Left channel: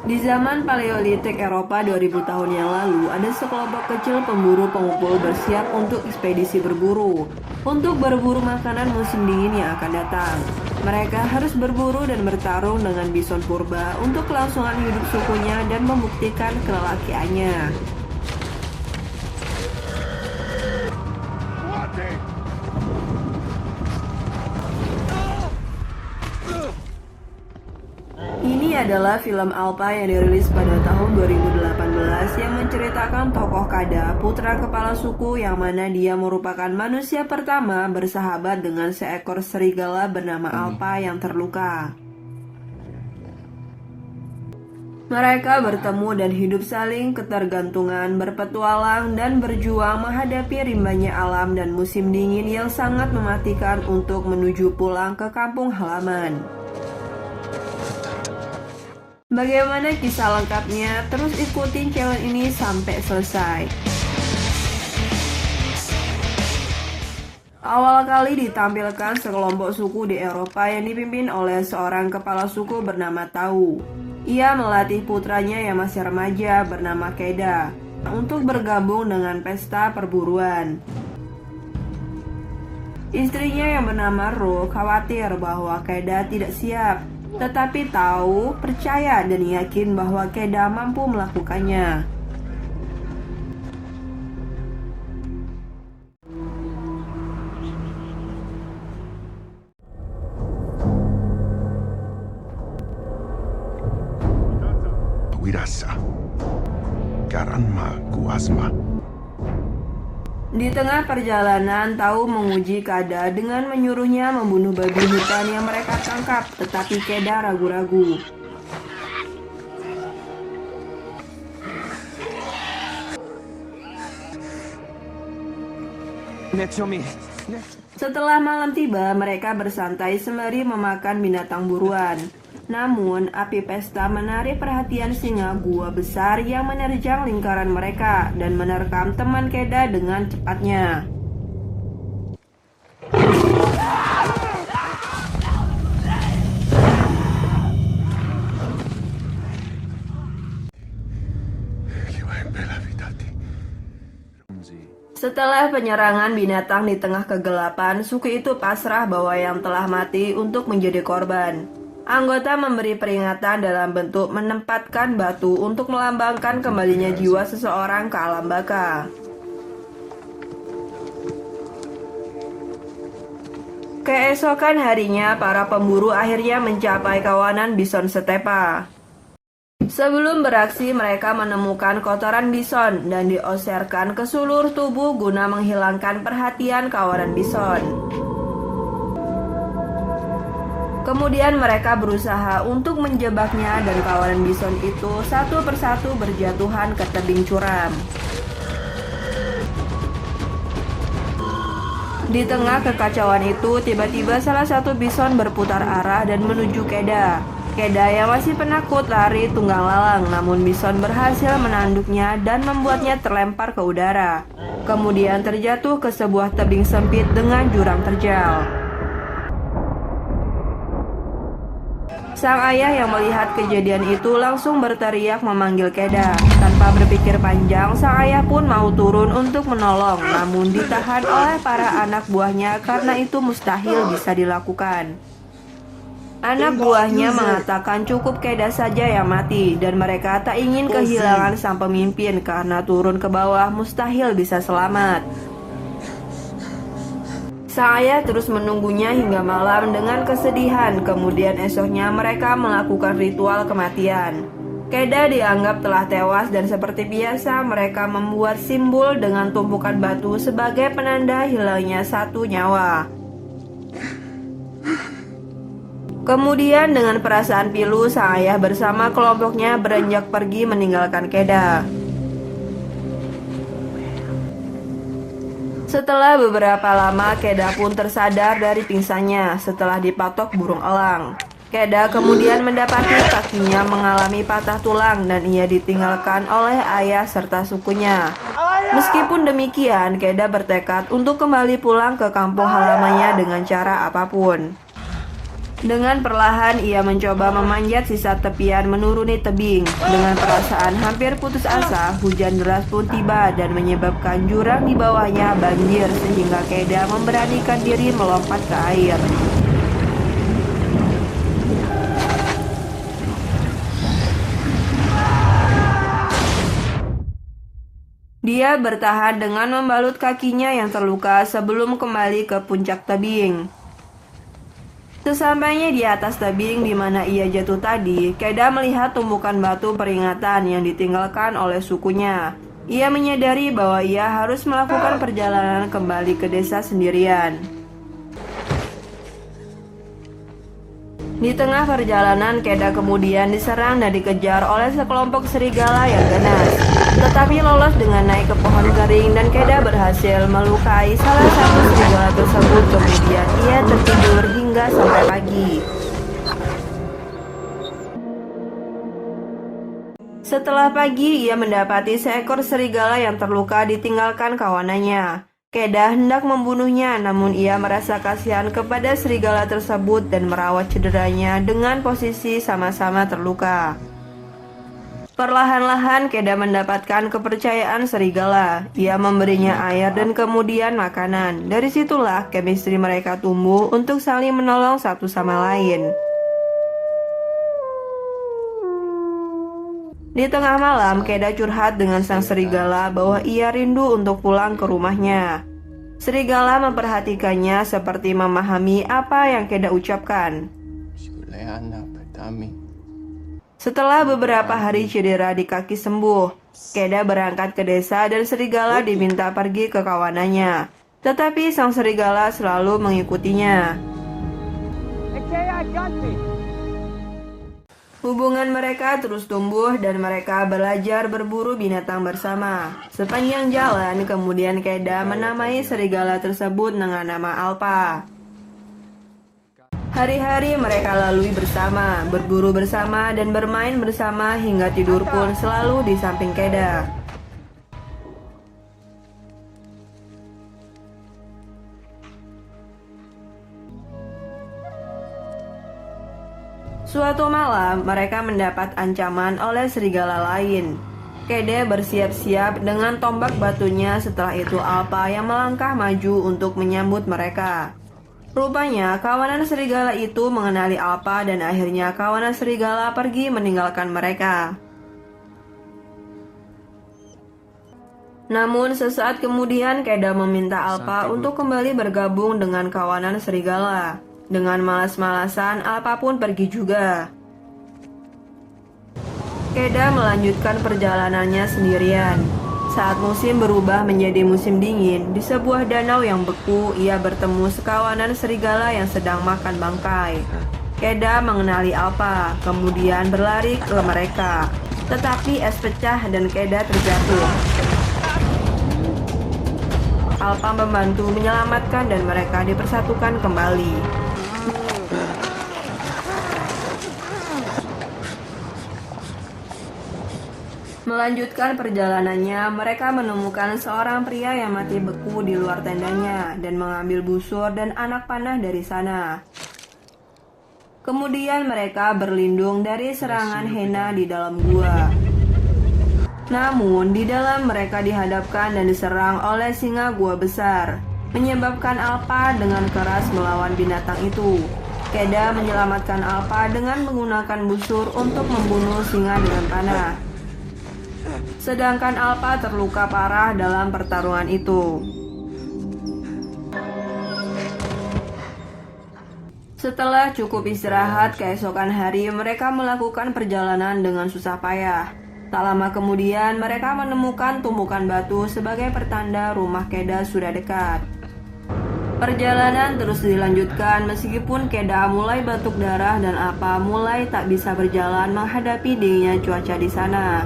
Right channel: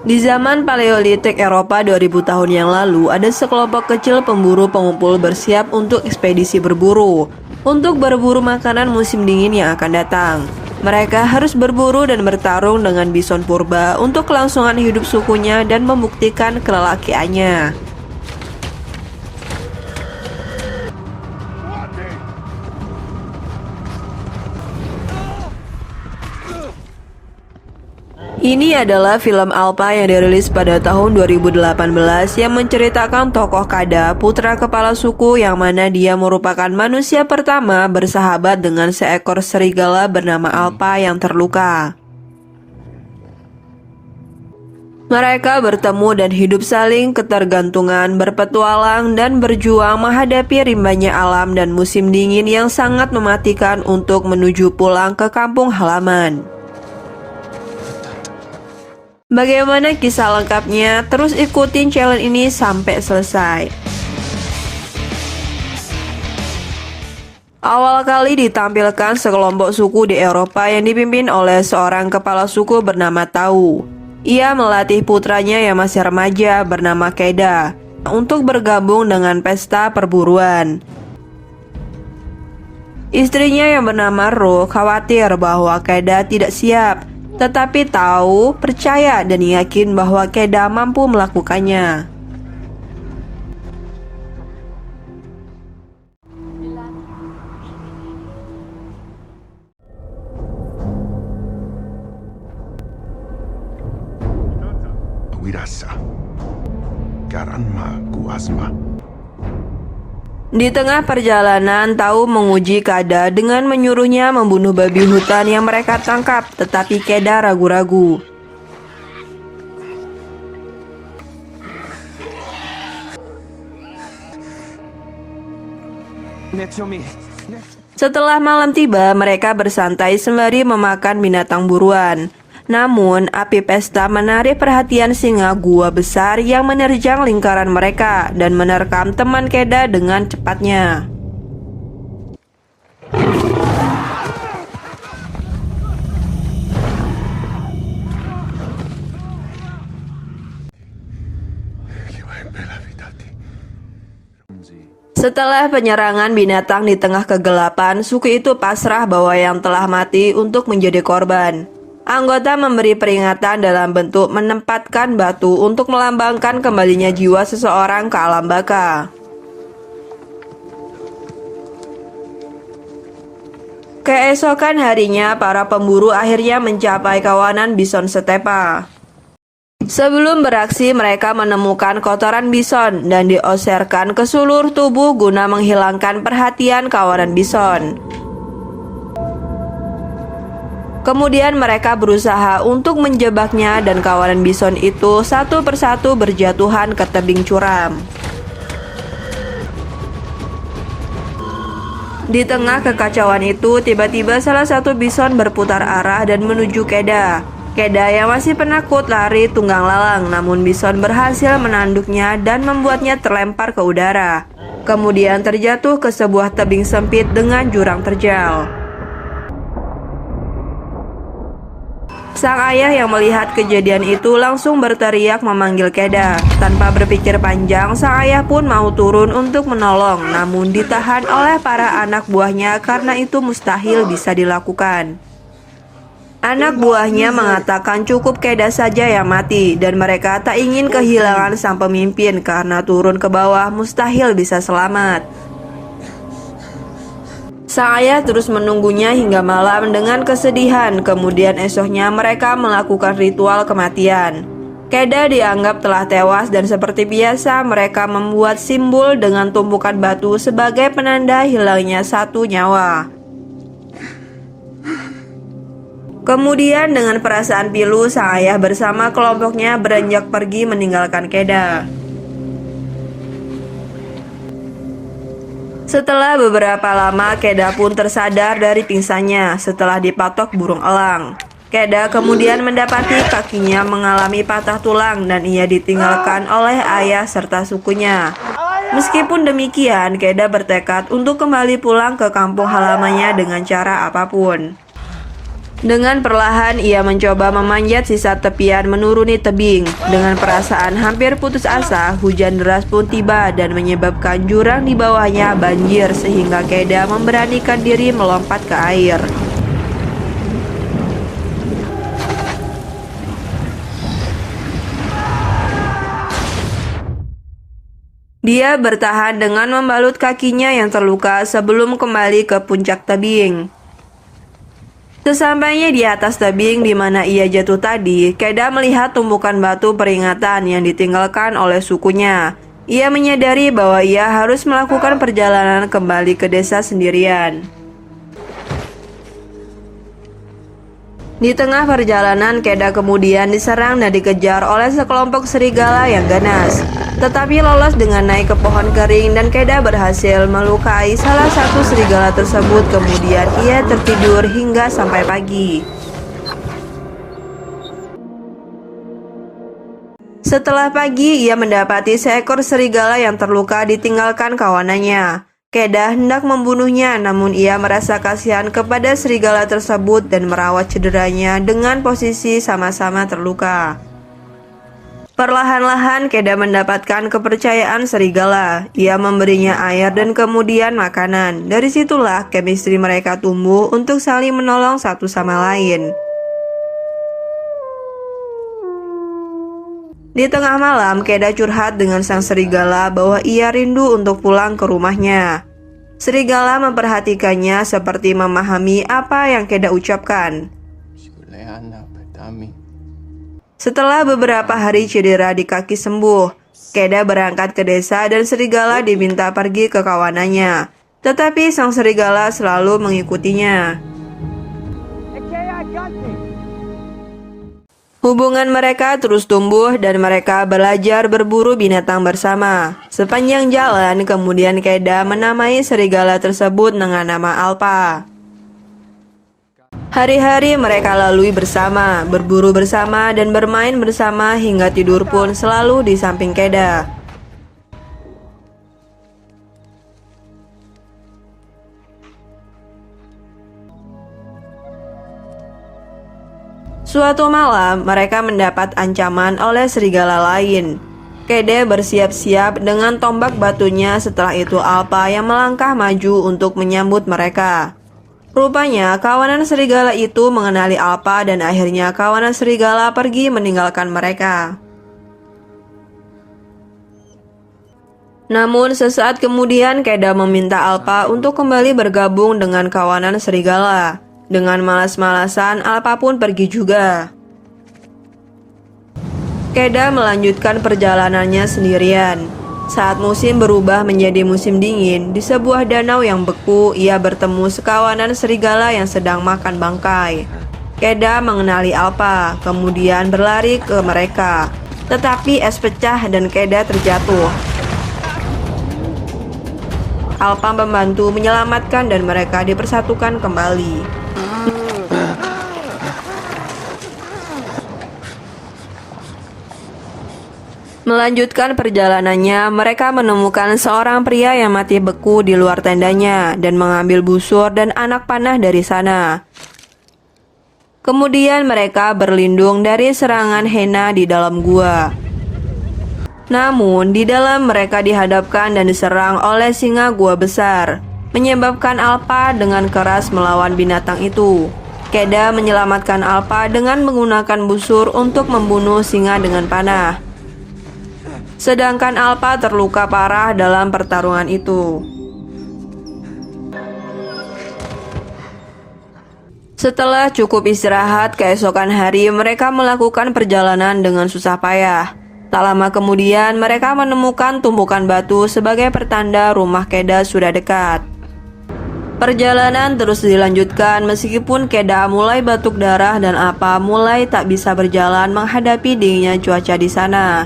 Di zaman Paleolitik Eropa 2000 tahun yang lalu, ada sekelompok kecil pemburu pengumpul bersiap untuk ekspedisi berburu, untuk berburu makanan musim dingin yang akan datang. Mereka harus berburu dan bertarung dengan bison purba untuk kelangsungan hidup sukunya dan membuktikan kelelakiannya. Ini adalah film Alpha yang dirilis pada tahun 2018 yang menceritakan tokoh Kada, putra kepala suku yang mana dia merupakan manusia pertama bersahabat dengan seekor serigala bernama Alpha yang terluka. Mereka bertemu dan hidup saling ketergantungan, berpetualang dan berjuang menghadapi rimbanya alam dan musim dingin yang sangat mematikan untuk menuju pulang ke kampung halaman. Bagaimana kisah lengkapnya? Terus ikutin channel ini sampai selesai. Awal kali ditampilkan sekelompok suku di Eropa yang dipimpin oleh seorang kepala suku bernama Tau. Ia melatih putranya yang masih remaja bernama Keda untuk bergabung dengan pesta perburuan. Istrinya yang bernama Ro khawatir bahwa Keda tidak siap, tetapi Tau percaya dan yakin bahwa Keda mampu melakukannya. Wirasa, Karanma Kuasma. Di tengah perjalanan, Tau menguji Kada dengan menyuruhnya membunuh babi hutan yang mereka tangkap, tetapi Keda ragu-ragu. Setelah malam tiba, mereka bersantai sembari memakan binatang buruan. Namun, api pesta menarik perhatian singa gua besar yang menerjang lingkaran mereka dan menerkam teman Keda dengan cepatnya. Setelah penyerangan binatang di tengah kegelapan, suku itu pasrah bahwa yang telah mati untuk menjadi korban. Anggota memberi peringatan dalam bentuk menempatkan batu untuk melambangkan kembalinya jiwa seseorang ke alam baka. Keesokan harinya, para pemburu akhirnya mencapai kawanan bison stepa. Sebelum beraksi, mereka menemukan kotoran bison dan dioserkan ke seluruh tubuh guna menghilangkan perhatian kawanan bison. Kemudian mereka berusaha untuk menjebaknya dan kawanan bison itu satu persatu berjatuhan ke tebing curam. Di tengah kekacauan itu, tiba-tiba salah satu bison berputar arah dan menuju Keda. Keda yang masih penakut lari tunggang lalang, namun bison berhasil menanduknya dan membuatnya terlempar ke udara. Kemudian terjatuh ke sebuah tebing sempit dengan jurang terjal. Sang ayah yang melihat kejadian itu langsung berteriak memanggil Keda. Tanpa berpikir panjang, sang ayah pun mau turun untuk menolong, namun ditahan oleh para anak buahnya karena itu mustahil bisa dilakukan. Anak buahnya mengatakan cukup Keda saja yang mati, dan mereka tak ingin kehilangan sang pemimpin karena turun ke bawah mustahil bisa selamat. Sang ayah terus menunggunya hingga malam dengan kesedihan. Kemudian esoknya mereka melakukan ritual kematian. Keda dianggap telah tewas dan seperti biasa mereka membuat simbol dengan tumpukan batu sebagai penanda hilangnya satu nyawa. Kemudian dengan perasaan pilu, sang ayah bersama kelompoknya beranjak pergi meninggalkan Keda. Setelah beberapa lama, Keda pun tersadar dari pingsannya setelah dipatok burung elang. Keda kemudian mendapati kakinya mengalami patah tulang dan ia ditinggalkan oleh ayah serta sukunya. Meskipun demikian, Keda bertekad untuk kembali pulang ke kampung halamannya dengan cara apapun. Dengan perlahan ia mencoba memanjat sisa tepian menuruni tebing. Dengan perasaan hampir putus asa, hujan deras pun tiba dan menyebabkan jurang di bawahnya banjir sehingga Keda memberanikan diri melompat ke air. Dia bertahan dengan membalut kakinya yang terluka sebelum kembali ke puncak tebing. Sesampainya di atas tebing di mana ia jatuh tadi, Keda melihat tumpukan batu peringatan yang ditinggalkan oleh sukunya. Ia menyadari bahwa ia harus melakukan perjalanan kembali ke desa sendirian. Di tengah perjalanan, Keda kemudian diserang dan dikejar oleh sekelompok serigala yang ganas. Tetapi lolos dengan naik ke pohon kering dan Keda berhasil melukai salah satu serigala tersebut. Kemudian ia tertidur hingga sampai pagi. Setelah pagi, ia mendapati seekor serigala yang terluka ditinggalkan kawanannya. Keda hendak membunuhnya, namun ia merasa kasihan kepada serigala tersebut dan merawat cederanya dengan posisi sama-sama terluka. Perlahan-lahan Keda mendapatkan kepercayaan serigala. Ia memberinya air dan kemudian makanan. Dari situlah chemistry mereka tumbuh untuk saling menolong satu sama lain. Di tengah malam, Keda curhat dengan sang serigala bahwa ia rindu untuk pulang ke rumahnya. Serigala memperhatikannya seperti memahami apa yang Keda ucapkan. Setelah beberapa hari cedera di kaki sembuh, Keda berangkat ke desa dan serigala diminta pergi ke kawanannya. Tetapi sang serigala selalu mengikutinya. Hubungan mereka terus tumbuh dan mereka belajar berburu binatang bersama. Sepanjang jalan, kemudian Keda menamai serigala tersebut dengan nama Alpa. Hari-hari mereka lalui bersama, berburu bersama dan bermain bersama hingga tidur pun selalu di samping Keda. Suatu malam, mereka mendapat ancaman oleh serigala lain. Keda bersiap-siap dengan tombak batunya. Setelah itu Alpa yang melangkah maju untuk menyambut mereka. Rupanya kawanan serigala itu mengenali Alpa dan akhirnya kawanan serigala pergi meninggalkan mereka. Namun sesaat kemudian Keda meminta Alpa untuk kembali bergabung dengan kawanan serigala. Dengan malas-malasan, Alpa pun pergi juga. Keda melanjutkan perjalanannya sendirian. Saat musim berubah menjadi musim dingin, di sebuah danau yang beku, ia bertemu sekawanan serigala yang sedang makan bangkai. Keda mengenali Alpa, kemudian berlari ke mereka. Tetapi es pecah dan Keda terjatuh. Alpa membantu menyelamatkan dan mereka dipersatukan kembali. Melanjutkan perjalanannya, mereka menemukan seorang pria yang mati beku di luar tendanya dan mengambil busur dan anak panah dari sana. Kemudian mereka berlindung dari serangan Hena di dalam gua. Namun, di dalam mereka dihadapkan dan diserang oleh singa gua besar, menyebabkan Alpa dengan keras melawan binatang itu. Keda menyelamatkan Alpa dengan menggunakan busur untuk membunuh singa dengan panah. Sedangkan Alpa terluka parah dalam pertarungan itu. Setelah cukup istirahat, keesokan hari mereka melakukan perjalanan dengan susah payah. Tak lama kemudian mereka menemukan tumpukan batu sebagai pertanda rumah Keda sudah dekat. Perjalanan terus dilanjutkan meskipun Keda mulai batuk darah dan Alpa mulai tak bisa berjalan menghadapi dinginnya cuaca di sana.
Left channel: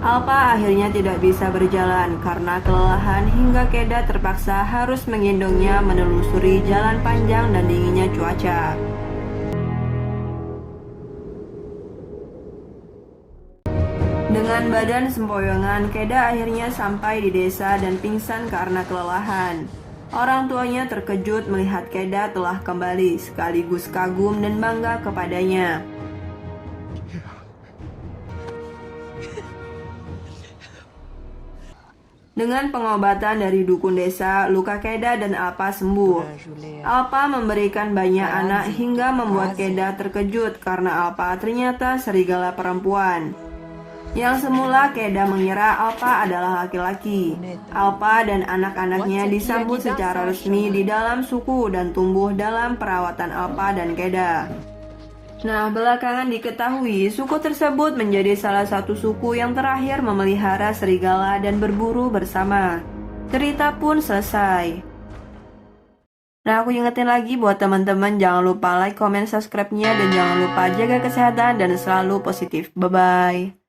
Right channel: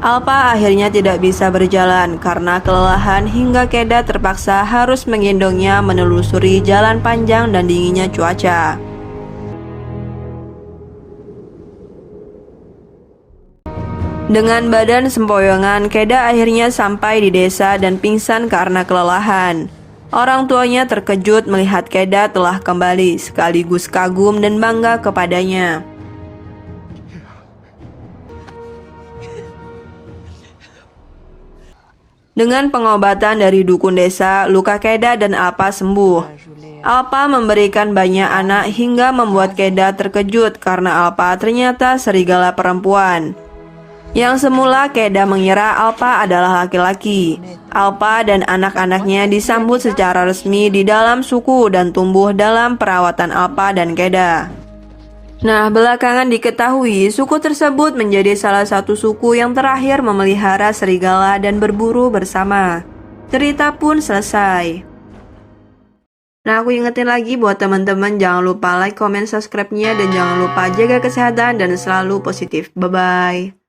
Alpa akhirnya tidak bisa berjalan karena kelelahan hingga Keda terpaksa harus menggendongnya menelusuri jalan panjang dan dinginnya cuaca. Dengan badan sempoyongan, Keda akhirnya sampai di desa dan pingsan karena kelelahan. Orang tuanya terkejut melihat Keda telah kembali, sekaligus kagum dan bangga kepadanya. Dengan pengobatan dari dukun desa, luka Keda dan Alpa sembuh. Alpa memberikan banyak anak hingga membuat Keda terkejut karena Alpa ternyata serigala perempuan. Yang semula Keda mengira Alpa adalah laki-laki. Alpa dan anak-anaknya disambut secara resmi di dalam suku dan tumbuh dalam perawatan Alpa dan Keda. Nah, belakangan diketahui suku tersebut menjadi salah satu suku yang terakhir memelihara serigala dan berburu bersama. Cerita pun selesai. Nah, aku ingetin lagi buat teman-teman, jangan lupa like, comment, subscribe-nya, dan jangan lupa jaga kesehatan dan selalu positif. Bye-bye.